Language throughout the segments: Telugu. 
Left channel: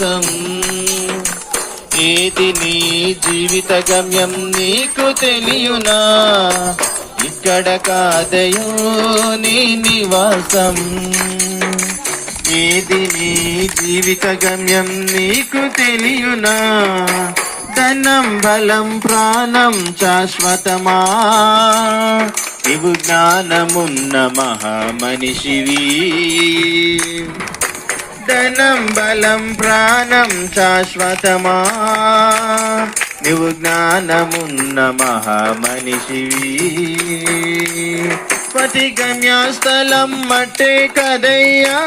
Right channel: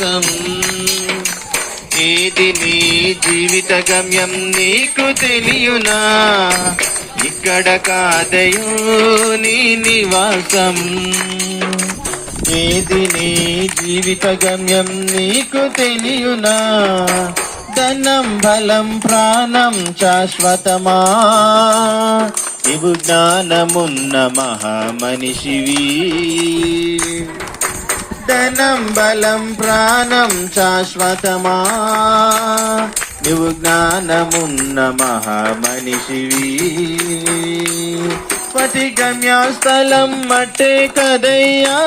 కాదయో ఏది నీ జీవిత గమ్యం నీకు తెలియనా? ఇక్కడ కాదయో నీ నివాసం. ఏది నీ జీవిత గమ్యం నీకు తెలియనా? ధనం బలం ప్రాణం శాశ్వతమా? ఇవు జ్ఞానమున్న మహామనిషివి. ధనం బలం ప్రాణం శాశ్వతమా? నువ్వు జ్ఞానమున్న మహామనిషివి. పతి గమ్యస్థలం మట్టే కదయ్యా.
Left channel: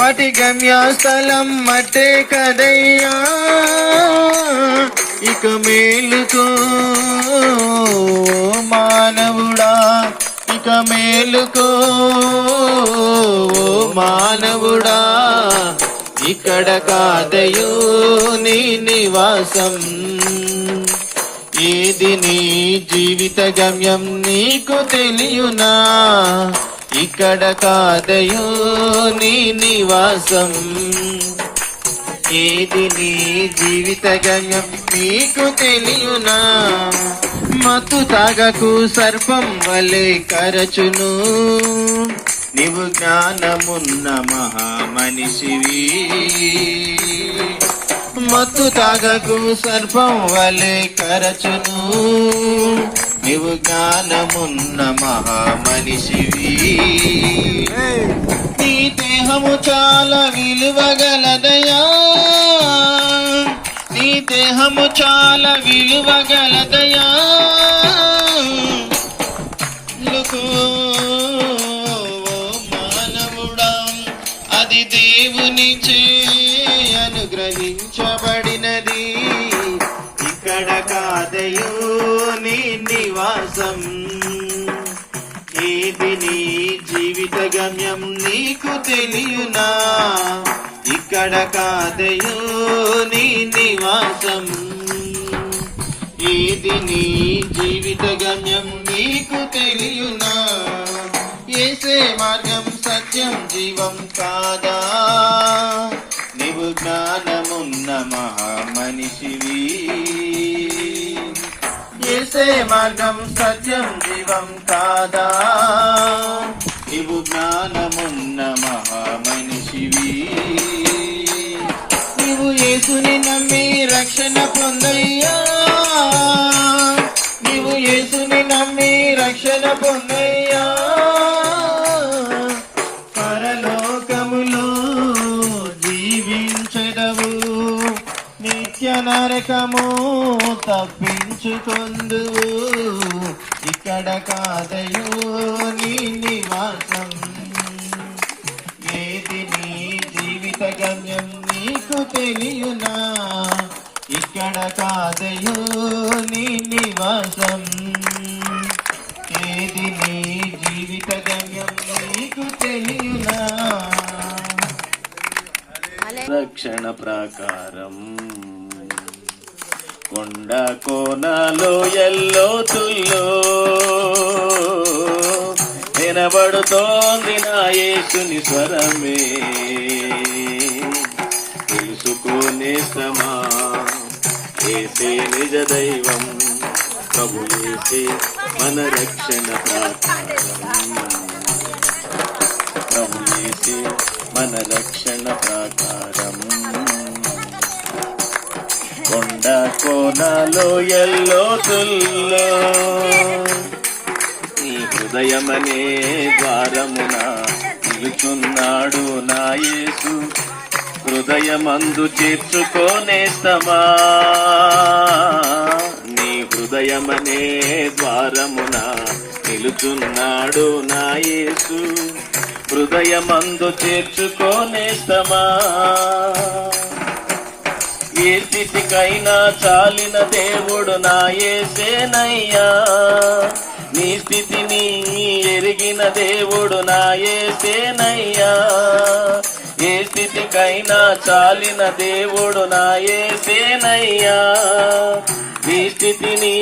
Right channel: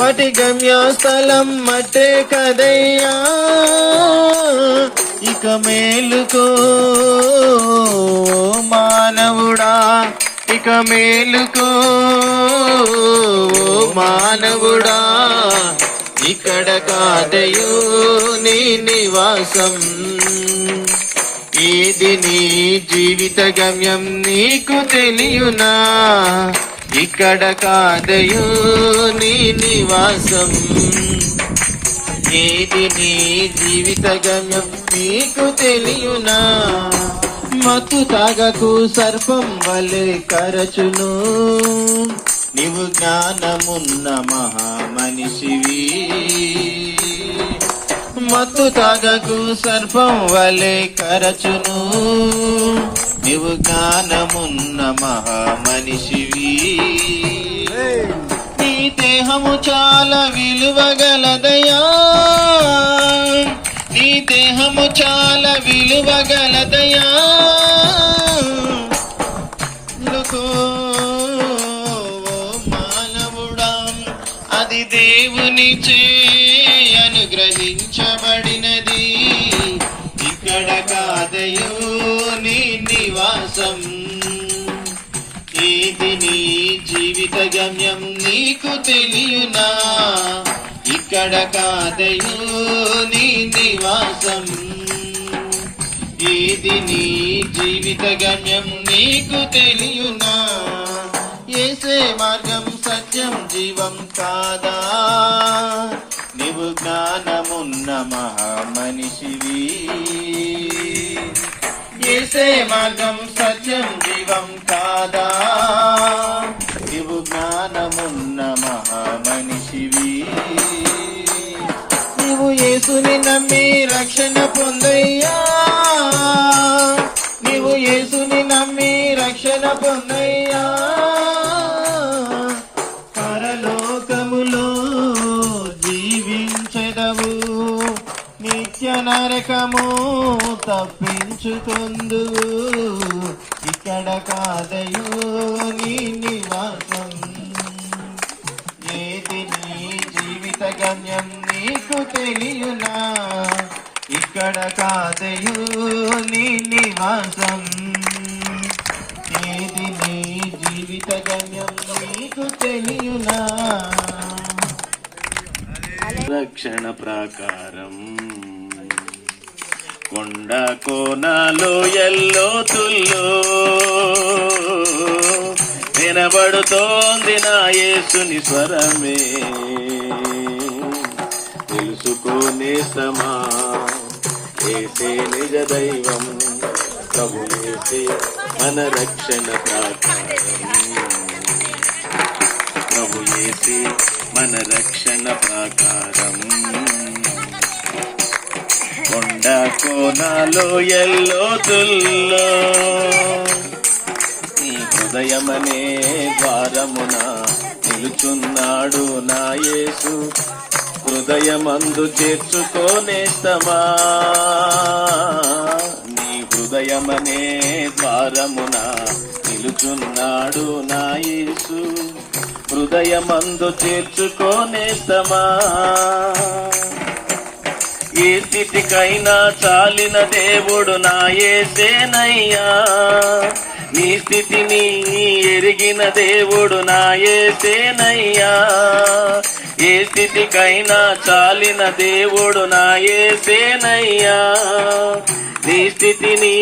పటి గమ్యస్థలం మట్టే కదయ్యా. ఇక మేలుకో మానవుడా ఇక మేలుకో మానవుడా ఇక్కడ కాదయో నీ నివాసం. ఏది నీ జీవిత గమ్యం నీకు తెలియనా? ఇక్కడ కాదయో నీ నివాసం. ఏది నీ జీవిత గమ్యం నీకు తెలియనా? మత్తు తాగకు సర్పం వలె కరచును. నీవు జ్ఞానమున్న మహామనిషివి. మత్తు తాగకును సర్పం వలె కరచును. నీవు జ్ఞానమున్న మహామనిషివి. నీ దేహము చాలా విలువగలదయా. నీ దేహము చాలా విలువగలదయా. దేవుని చే అనుగ్రహించబడినది. ఇక్కడ కాదయో నీ నివాసం. ఏది నీ జీవిత గమ్యం నీకు తెలియనా? ఇక్కడ కాదయో నీ నివాసం. ఏది నీ జీవిత గమ్యం నీకు తెలియనా? ఏసే మార్గం సత్యం జీవం కాదా? నీవు జ్ఞానమున్న మహామనిషివి. ఏసే మార్గం సత్యం జీవం కాదా? నీవు జ్ఞానమున్న మహామనిషివి. నీవు యేసుని నమ్మి రక్షణ పొందయ్యా. నీవు యేసుని నమ్మి రక్షణ పొందయ్యా. తప్పించుకుందువు. ఇక్కడ కాదయో నీ నివాసం. ఏది నీ జీవిత గమ్యం నీకు తెలియనా? ఇక్కడ కాదయో నీ నివాసం. ఏది నీ జీవిత గమ్యం నీకు తెలియనా? రక్షణ ప్రాకారం. కొండ కోనలో ఎల్లోతుల్లో వినబడుతోంది నా యేసుని స్వరమే. తెలుసుకునే సమా ఏసే నిజ దైవం. ప్రభులేసే మన రక్షణ ప్రభులేసే మన రక్షణ ప్రాకారం. ఎండ కోనాలో ఎల్లో తుల్లో. నీ హృదయమనే ద్వారమున నిలుచున్నాడు నా యేసు. హృదయమందు చేర్చుకోనేస్తమా నీ హృదయమనే ద్వారమున నిలుచున్నాడు నా యేసు. హృదయమందు చేర్చుకోనేస్తమా ఏ స్థితికైనా చాలిన దేవుడు నా ఏసేనయ్యా నీ స్థితిని ఎరిగిన దేవుడు నా ఏసేనయ్యా ఏ స్థితికైనా చాలిన దేవుడు నా ఏసేనయ్యా నీ స్థితిని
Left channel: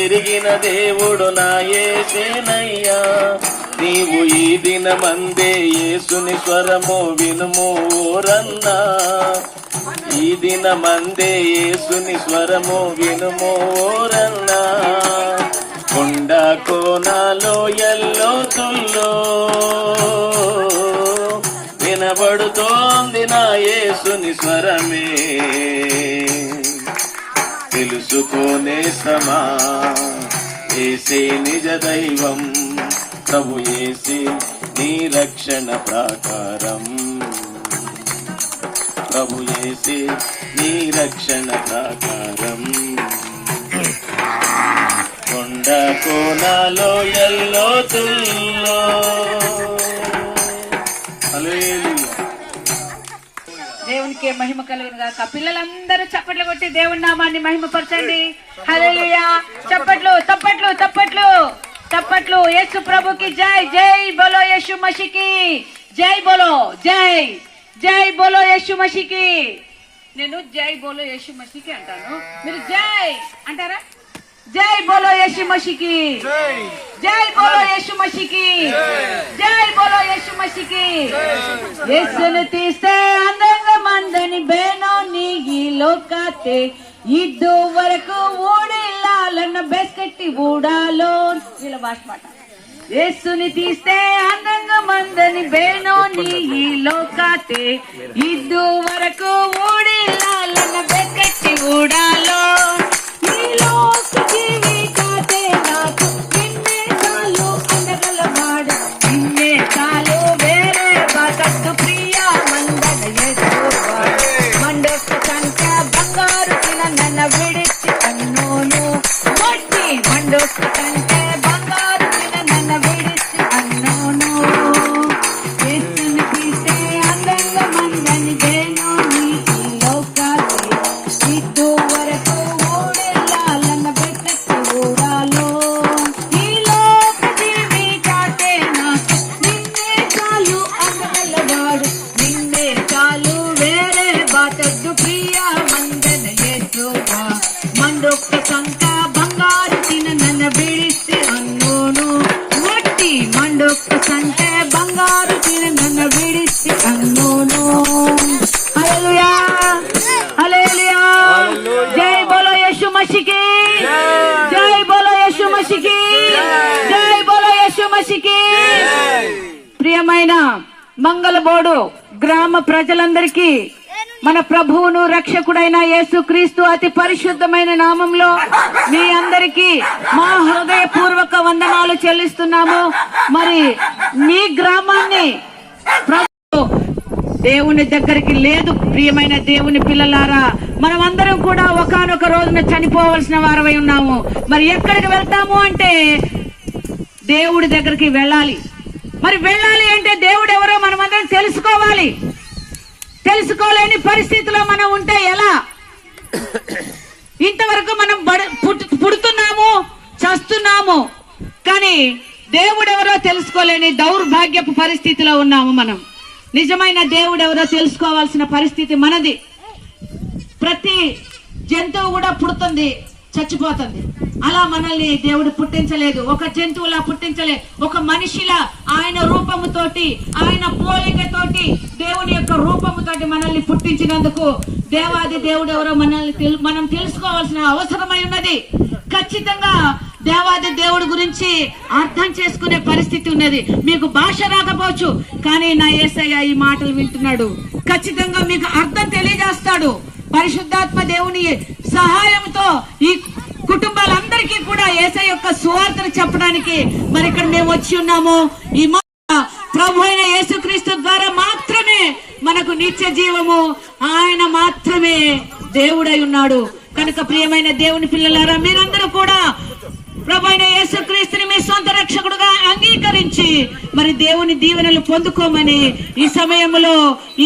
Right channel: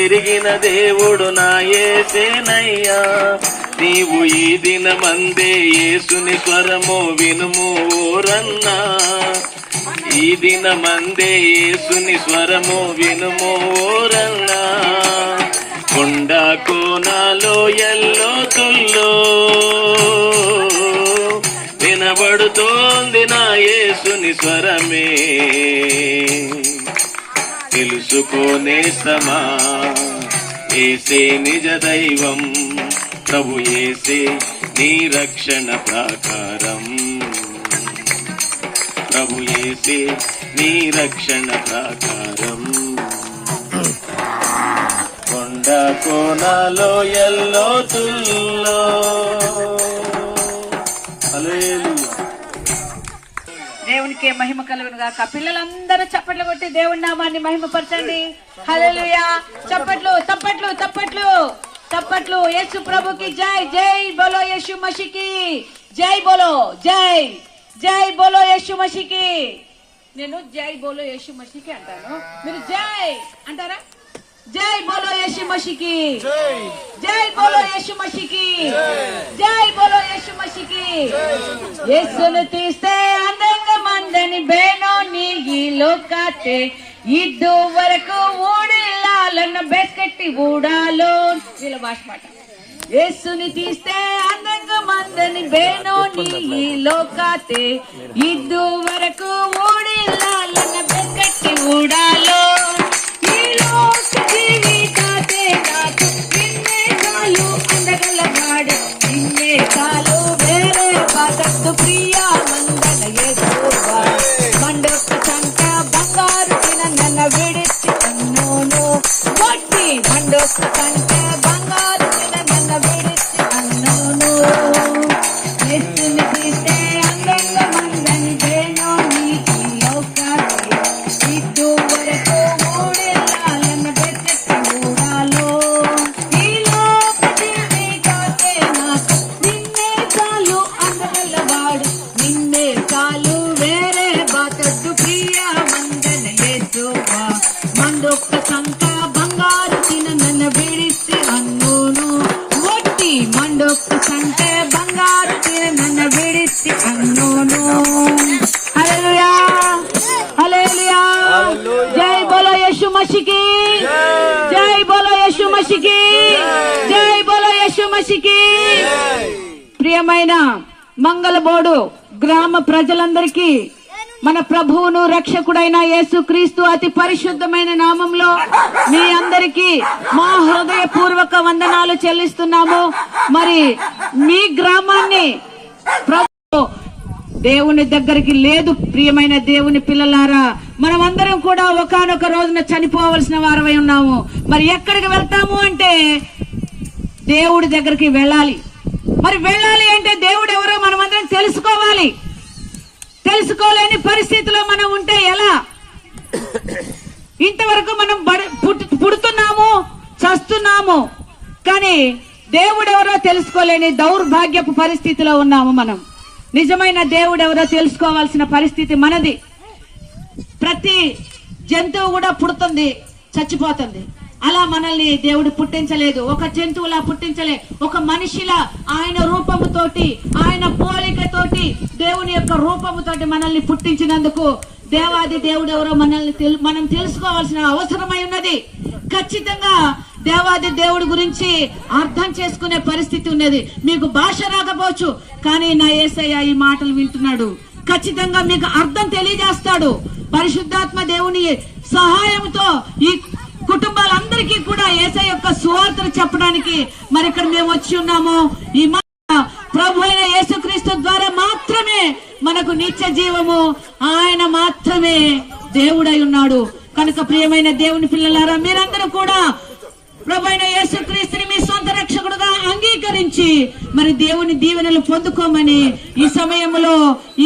ఎరిగిన దేవుడు నా ఏసేనయ్యా నీవు ఈ దినమందే యేసుని స్వరము వినుము ఈ దినమందే యేసుని స్వరము వినుము ఊరన్నా కొండ కోనాలో ఎల్లో తుల్లో. వినబడుతోంది నా యేసుని స్వరమే. తెలుసుకోనే సమా ఏసే నిజ దైవం ప్రభు ఏసే నీ రక్షణ ప్రాకారం. ప్రభు ఏసే నీ రక్షణ ప్రాకారం. కొండ కోనలో ఎల్లో తుల్లో. దేవునికి మహిమ కలుగును గాక పిల్లలందరూ చప్పట్లు కొట్టి దేవుని నామాన్ని మహిమపరచండి. హల్లెలూయా. చప్పట్లు తప్పట్లు తప్పట్లు తప్పట్లు. యేసు ప్రభుకి జై జై బోలో యేసు మషికి. జై బోలో జై. జై బోలో యేసు మషికి నేను జై బోలో యేసు మషికి అంటాను. మీరు జై అంటారా? జై బోలో యేసు మషికి జై. బోలో యేసు మషికి జై. బోలో యేసు మషికి యేసును తీస్తే అందంగా మందని బేనో నీగి లోకాతే. ఇద్దు వరకు ఊడిల్లాలన్న బెస్కెట్టి ఊడాలో వీళ్ళ భాష మాట యేసుని తీస్తే అందంగా మందని బేనో నీగి లోకాతే ఇద్దు వరకు ఊడిల్లాలన్న బెస్కెట్టి మసికి ప్రియమైన మంగళబోడు గ్రామ ప్రజలందరికీ మన ప్రభువును రక్షకుడైన యేసు క్రీస్తు అతి పరిశుద్ధమైన నామంలో మీ అందరికీ మా హృదయపూర్వక వందనాలు చెల్లిస్తున్నాము. మరి మీ గ్రామాన్ని దేవుని దగ్గరికి లేదు ప్రియమైన దేవుని పిల్లలారా. మనం అందరం కూడా ఒకనొక రోజున చనిపోవలసిన వారమై ఉన్నాము. మరి ఎక్కడికి వెళ్తాము అంటే దేవుడి దగ్గరికి వెళ్ళాలి. మరి వెళ్ళాలి అంటే దేవుడు ఎవరో మనమందరం తెలుసుకోవాలి. తెలుసుకోలేని పరిస్థితిలో మనం ఉంటే ఎలా? ఇంతవరకు మనం పుట్టు- పుడుతున్నాము చస్తున్నాము కానీ దేవుడు ఎవరో తెలుసుకోలేని దౌర్భాగ్యపు పరిస్థితిలో ఉన్నాము మనం. నిజమైన దేవుడు ఎవరో తెలుసుకోవాల్సిన పరిస్థితి మనది. ప్రతి జంతువు కూడా పుడుతుంది. చచ్చిపోతుంది. అలా మనల్ని దేవుడు పుట్టించలేదు. ఒక జంతువులా పుట్టించలే. ఒక మనిషిలా ఆయన రూపముతోటి ఆయన పోలికతోటి దేవుని యొక్క రూపముతోటి మనల్ని పుట్టించినందుకు దేవాది దేవుడు ఎవరో మనల్ని తెలు- మనం తెలుసుకోవాల్సిన అవసరమై ఉన్నది. ఖచ్చితంగా దేవాది దేవుడి గురించి అర్థం చేసుకునే పరిస్థితి ఉన్నది. మీకు భాష రాకపోవచ్చు కానీ నా ఏసయ్య ఈ మాటలు వింటున్నాడు. ఖచ్చితంగా మీకు అర్థం తెలియజేస్తాడు. పరిశుద్ధాత్మ దేవుని సహాయంతో ఈ కుటుంబాలందరికీ కూడా ఏసై యొక్క సువార్తను చెప్పడానికి మరి ఇక్కడ మేము వచ్చి ఉన్నాము. ఈ ప్రభు అయిన యేసుక్రీస్తు ద్వారా మాత్రమే మనకు నిత్య జీవము. ఆయన మాత్రమే దేవుడై ఉన్నాడు. కనుక ప్రియమైన దేవుని పిల్లలారా మీరందరూ కూడా ప్రభు అయిన యేసుక్రీస్తుని మీ సొంత రక్షకుడుగా అంగీకరించి మరి దేవుని దీవెనలు పొందుకోమని ఈ సమయంలో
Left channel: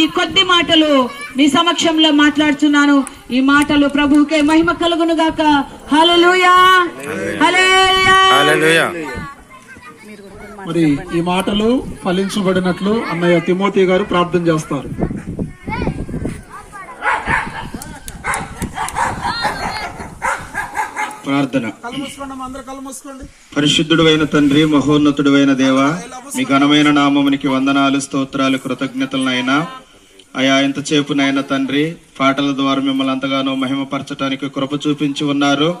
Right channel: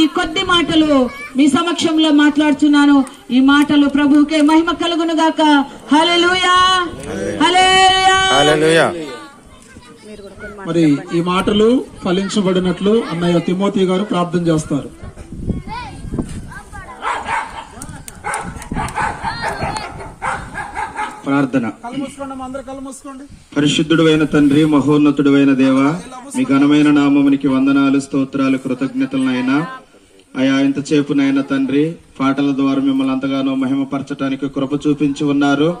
ఈ కొద్ది మాటలు మీ సమక్షంలో మాట్లాడుతున్నాను ఈ మాటలు ప్రభువుకే మహిమ కలుగును గాక. హల్లెలూయా. హల్లెలూయా. హల్లెలూయా. మరి ఈ మాటలు ఫలించబడినట్లు అన్నయ్య తిమోతి గారు ప్రార్థన చేస్తారు. ప్రార్థన. పరిశుద్ధుడు అయిన తండ్రి మహోన్నతుడు అయిన దేవ మీ ఘనమైన నామమునికి వందనాలు స్తోత్రాలు కృతజ్ఞతలనైనా అయా ఇంతసేపునైనా తండ్రి పాటల ద్వారా మిమ్మల్ని అంతగానో మహిమపరచడానికి కృప చూపించి ఉన్నారు.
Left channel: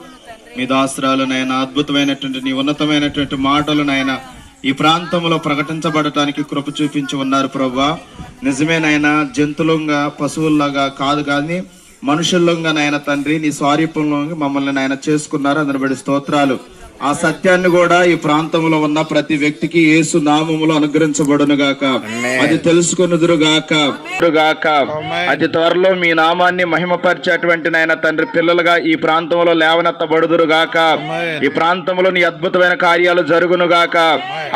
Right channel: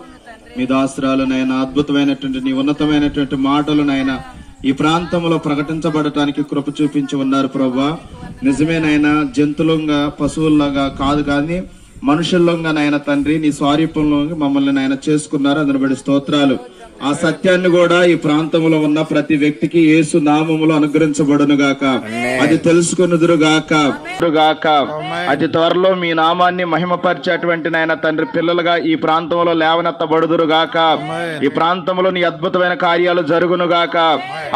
మీ దాస్త్రాలనైనా అద్భుతమైనటువంటి నీ ఉన్నతమైనటువంటి మాటలనైనా ఈ ప్రాంతంలో ప్రకటించబడటానికి కృప చూపించి ఉన్నారు ప్రభా. నిజమేనైనా జంతువులంగా పశువుల్లాగా కాదు కానీ మనుషుల్లోగా నాయన తండ్రి నీ స్వారీపంలో మమ్మల్ని నాయన చేసుకున్నారు. అందుని స్తోత్రాలు. ఆ సత్యాన్ని కూడా ఈ ప్రాంతంలో ఉన్న ప్రతి వ్యక్తికి యేసు నామములో అనుగ్రహించబడును గాక అది తెలుసుకున్నదురు గాక గాక అతి త్వరలో మీ నామాన్ని మహిమపరిచేటువంటి నాయన తండ్రి పిల్లలుగా ఈ ప్రాంతంలో లేవనెత్తబడుదురు గాక ఈ ప్రాంతంలో నీ అద్భుతమైన కార్యాలు జరుగును గాక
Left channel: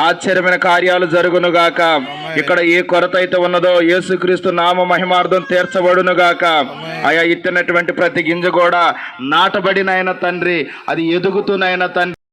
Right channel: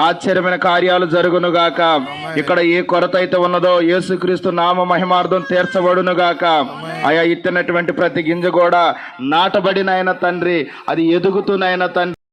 ఆశ్చర్యమైన కార్యాలు జరుగును గాక ఇక్కడ ఏ కొరత అయితే ఉన్నదో యేసుక్రీస్తు నామ మహిమార్థం తీర్చబడును గాక ఆయా ఇచ్చినటువంటి ప్రతి గింజ కూడా నాటబడినైన తండ్రి. అది ఎదుగుతున్నైన తండ్రి.